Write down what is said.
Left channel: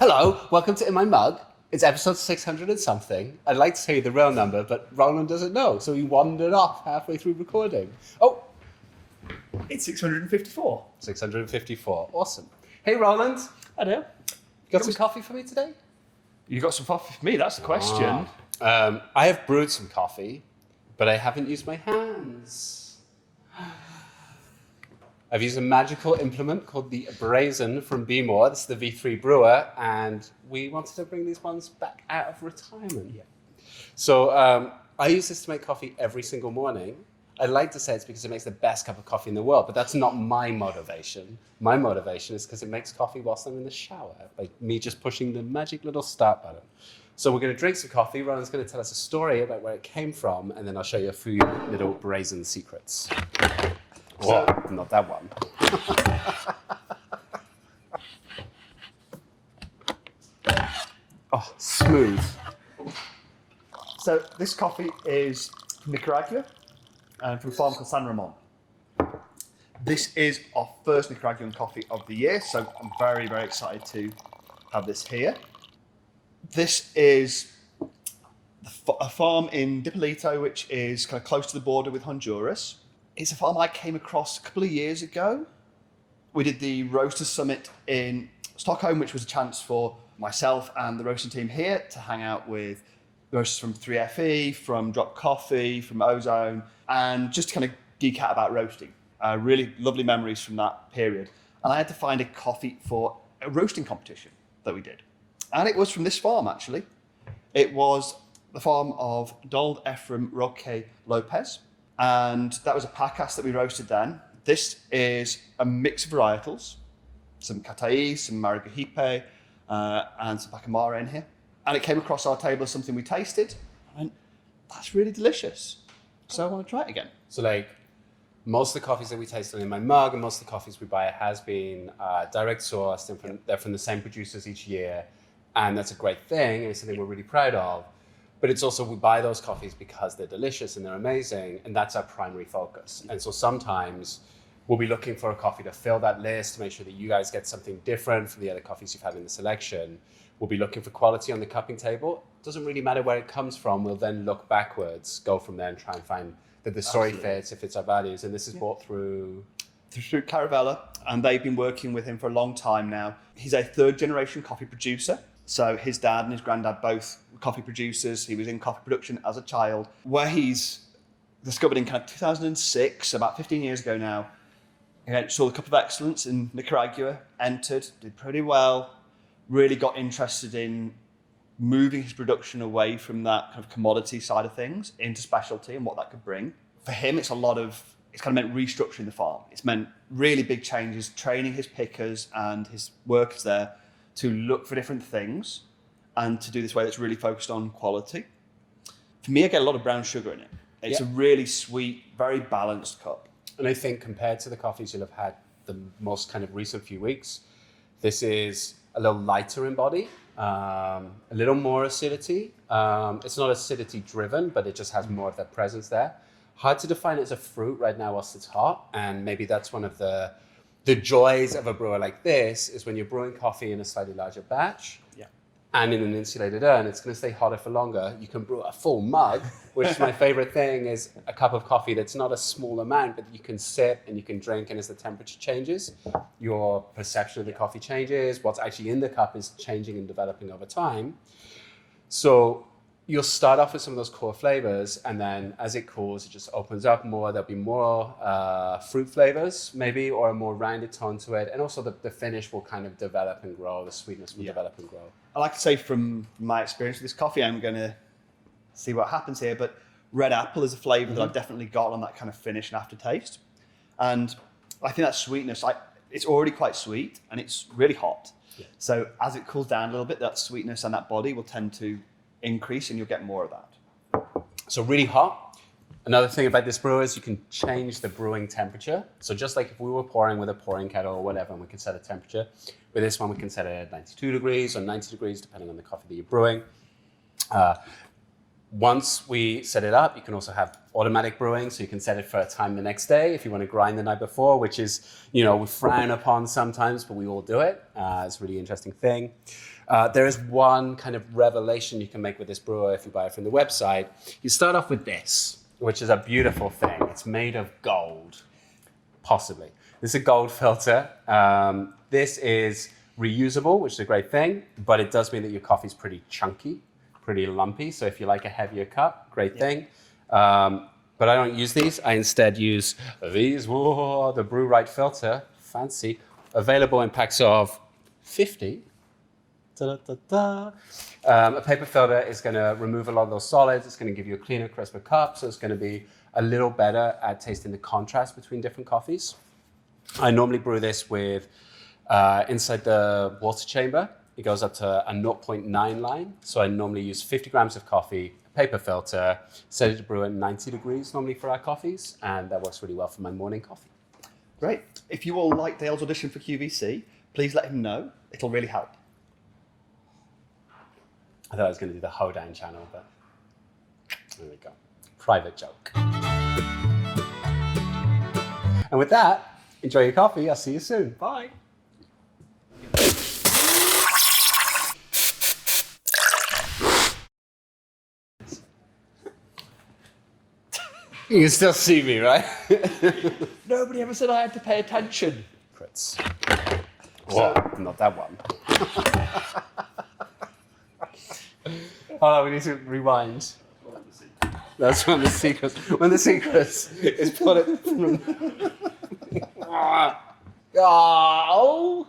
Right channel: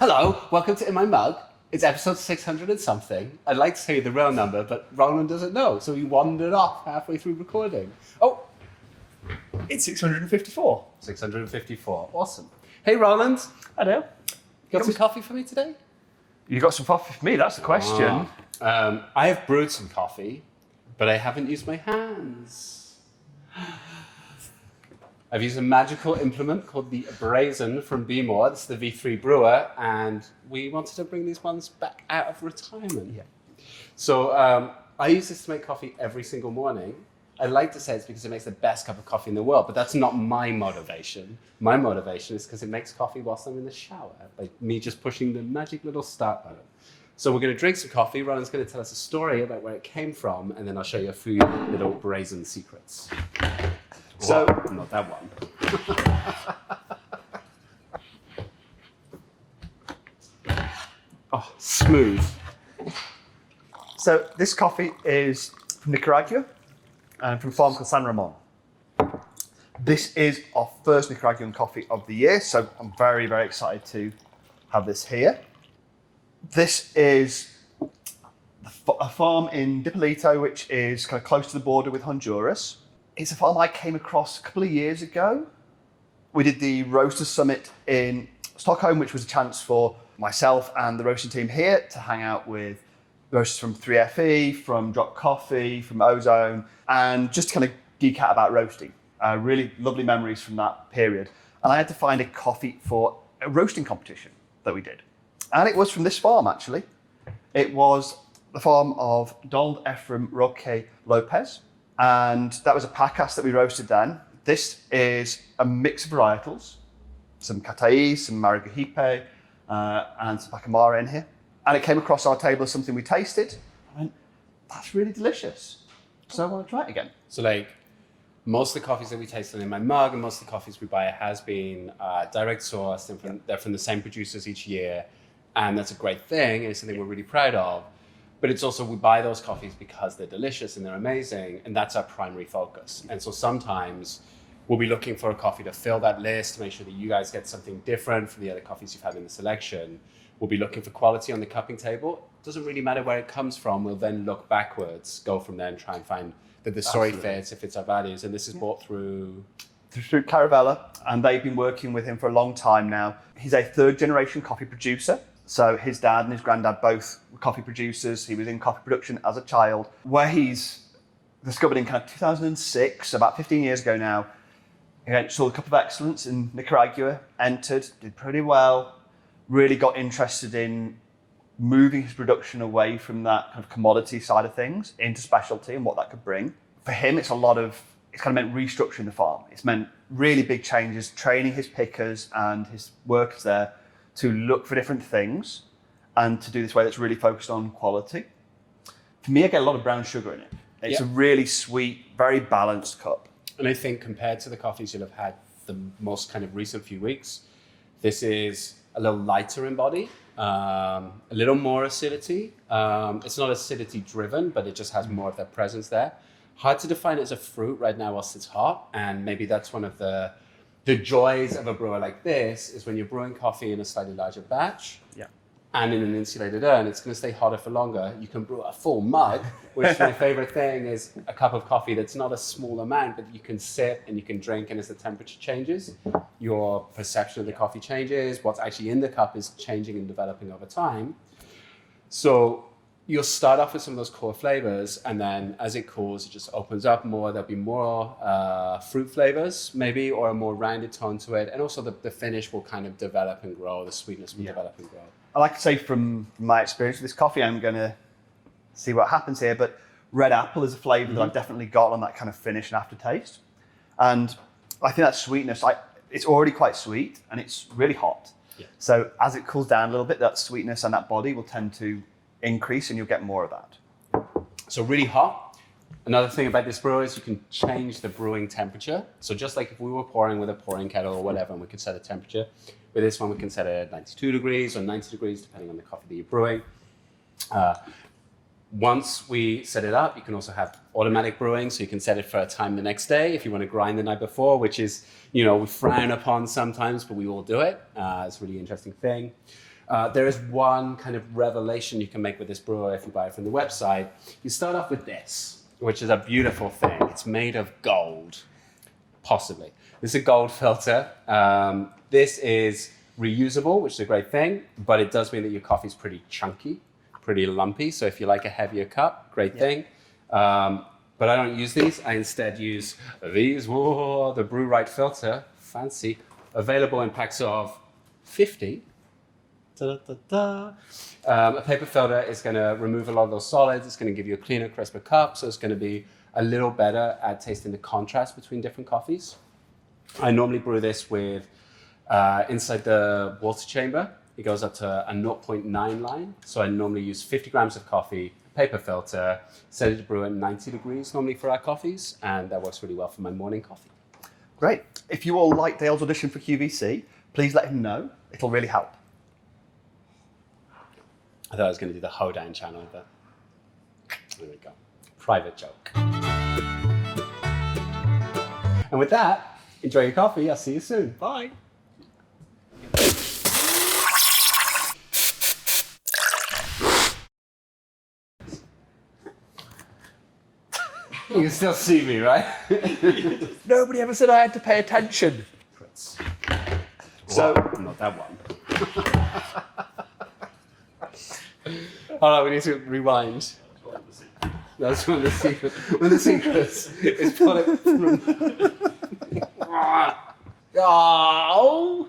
Hello, welcome to In My Mug. It's episode 600 and something. I'd like to say the real number, but Roland doesn't know, so he wandered off halfway through recording. Oh, It's 654. 654. Awesome. Hey, Roland. Hello. Got some coffee for me today? You got some coffee for me? That's the question. I have brewed some coffee, but I haven't used my hands. I've used a magical implement called the Brazen from Bmore. This is the V3 brewer, and we wanted to bring these ones back out of retirement. Yeah. So I use this to make coffee every single morning. I'd like to say it's because it makes the best cup of coffee in the world, but that's not my motivation. My motivation is because it makes coffee whilst I'm in the shower, by me just pushing the magic little start button. So we're going to drink some coffee. Roland's going to tell us a story about where it came from, and then I'll show you a few little Brazen secrets. So, Whoa, not that one. Oh, smooth. so this coffee is from Nicaragua and from a farm called San Ramón. This is our first Nicaraguan coffee of the year, so I'm very, very excited to have this here. This is a farm in Dipolito, which is kind of close to the border with Honduras. It's a farm I came across a couple of years ago. We did the Roaster Summit in Stockholm, which was a chance for myself and the roasting team here to hang out with roasters from 3FE, from Drop Coffee, from Ozone, and just to kind of geek out about roasting. Really lovely memories from that period. And I had to find a coffee for a roasting competition that we did. And it was from this farm, actually. It was the farm of Donald Ephraim Roque Lopez. And that was a pacas that we roasted then. This is a mix of varietals, some Cataí, some Maragahipe, and some Pacamara in here. And it came across our table as something we tasted. And that's really delicious. So I want to try it again. So like, most of the coffees that we tasted in my mug and most of the coffees we buy has been direct sourced, and they're from the same producers each year. And that's a great thing, and it's something we're really proud of. But it's also, we buy those coffees because they're delicious and they're amazing, and that's our primary focus. And so sometimes we'll be looking for a coffee to fill that list, to make sure that you guys get something different from the other coffees you've had in the selection. We'll be looking for quality on the cupping table. It doesn't really matter where it comes from. We'll then look backwards, go from there and try and find that the story fits, it fits our values. And this is bought through Caravella, and they've been working with him for a long time now. He's a third generation coffee producer. So his dad and his granddad both were coffee producers. He was in coffee production as a child, where he's discovered in kind of 2006, about 15 years ago now. He saw the Cup of Excellence in Nicaragua, entered, did pretty well, really got interested in moving his production away from that kind of commodity side of things into specialty and what that could bring. For him, it's kind of meant restructuring the farm. It's meant really big changes, training his pickers and his workers there to look for different things and to do this way that's really focused on quality. For me, I get a lot of brown sugar in it. It's a really sweet, very balanced cup. And I think compared to the coffees you'll have had the most kind of recent few weeks, this is a little lighter in body, a little more acidity. It's not acidity driven, but it just has more of that presence there. Hard to define it as a fruit right now whilst it's hot, and maybe that's one of the joys of a brewer like this is when you're brewing coffee in a slightly larger batch and in an insulated urn, it's going to stay hotter for longer. You can brew a full mug, which is my favorite thing, is a cup of coffee that's not a small amount, but you can sip and you can drink, and as the temperature changes, your perception of the coffee changes. What's actually in the cup is changing and developing over time. So you'll start off with some of those core flavors, and then as it cools, it just opens up more. There'll be more fruit flavors, maybe, or a more rounded tone to it. And also the finish will kind of develop and grow. The sweetness will develop and grow. I like to say from my experience with this coffee, I'm going to see what happens here, but red apple is a flavor that I've definitely got on that kind of finish and aftertaste. And I think that sweetness, it's already quite sweet and it's really hot. Yeah. So as it cools down a little bit, that sweetness and that body will tend to increase and you'll get more of that. So really hot. Another thing about this brewer is you can change the brewing temperature. So just like if we were pouring with a pouring kettle or whatever, and we could set a temperature, with this one we can set it at 92 degrees or 90 degrees, depending on the coffee that you're brewing. Once we set it up, you can also have automatic brewing, so you can set it for a time the next day if you want to grind the night before, which is, we frown upon sometimes, but we all do it. It's a really interesting thing. There is one kind of revelation you can make with this brewer if you buy it from the website. You start off with this, which is a beautiful thing. It's made of gold, possibly. This is a gold filter. This is reusable, which is a great thing, but it does mean that your coffee is pretty chunky, pretty lumpy. So if you like a heavier cup, great thing. But I don't use these. I instead use these. Whoa, the Brew Right filter, fancy, available in packs of 50. A paper filter is going to remove a lot of those solids. It's going to give you a cleaner, crisper cup. So it's going to be a little better at tasting the contrast between different coffees. I normally brew this with inside the water chamber. It goes up to a 0.9 line. So I normally use 50 grams of coffee, a paper filter, set it to brew at 90 degrees normally for our coffees. And that works really well for my morning coffee. Great. If you all like Dale's audition for QVC, please let him know. It'll really help. I thought I was going to do the Hoedown channel, but there we go. Private joke. And with that, enjoy your coffee. I'll see you soon. Bye. You can still see me, right? Nobody ever said I had to pay attention. Crits. So, Whoa, not that one. Hold on, we need to rewind. That's one of the secrets. One of the secrets is pull it from... Oh!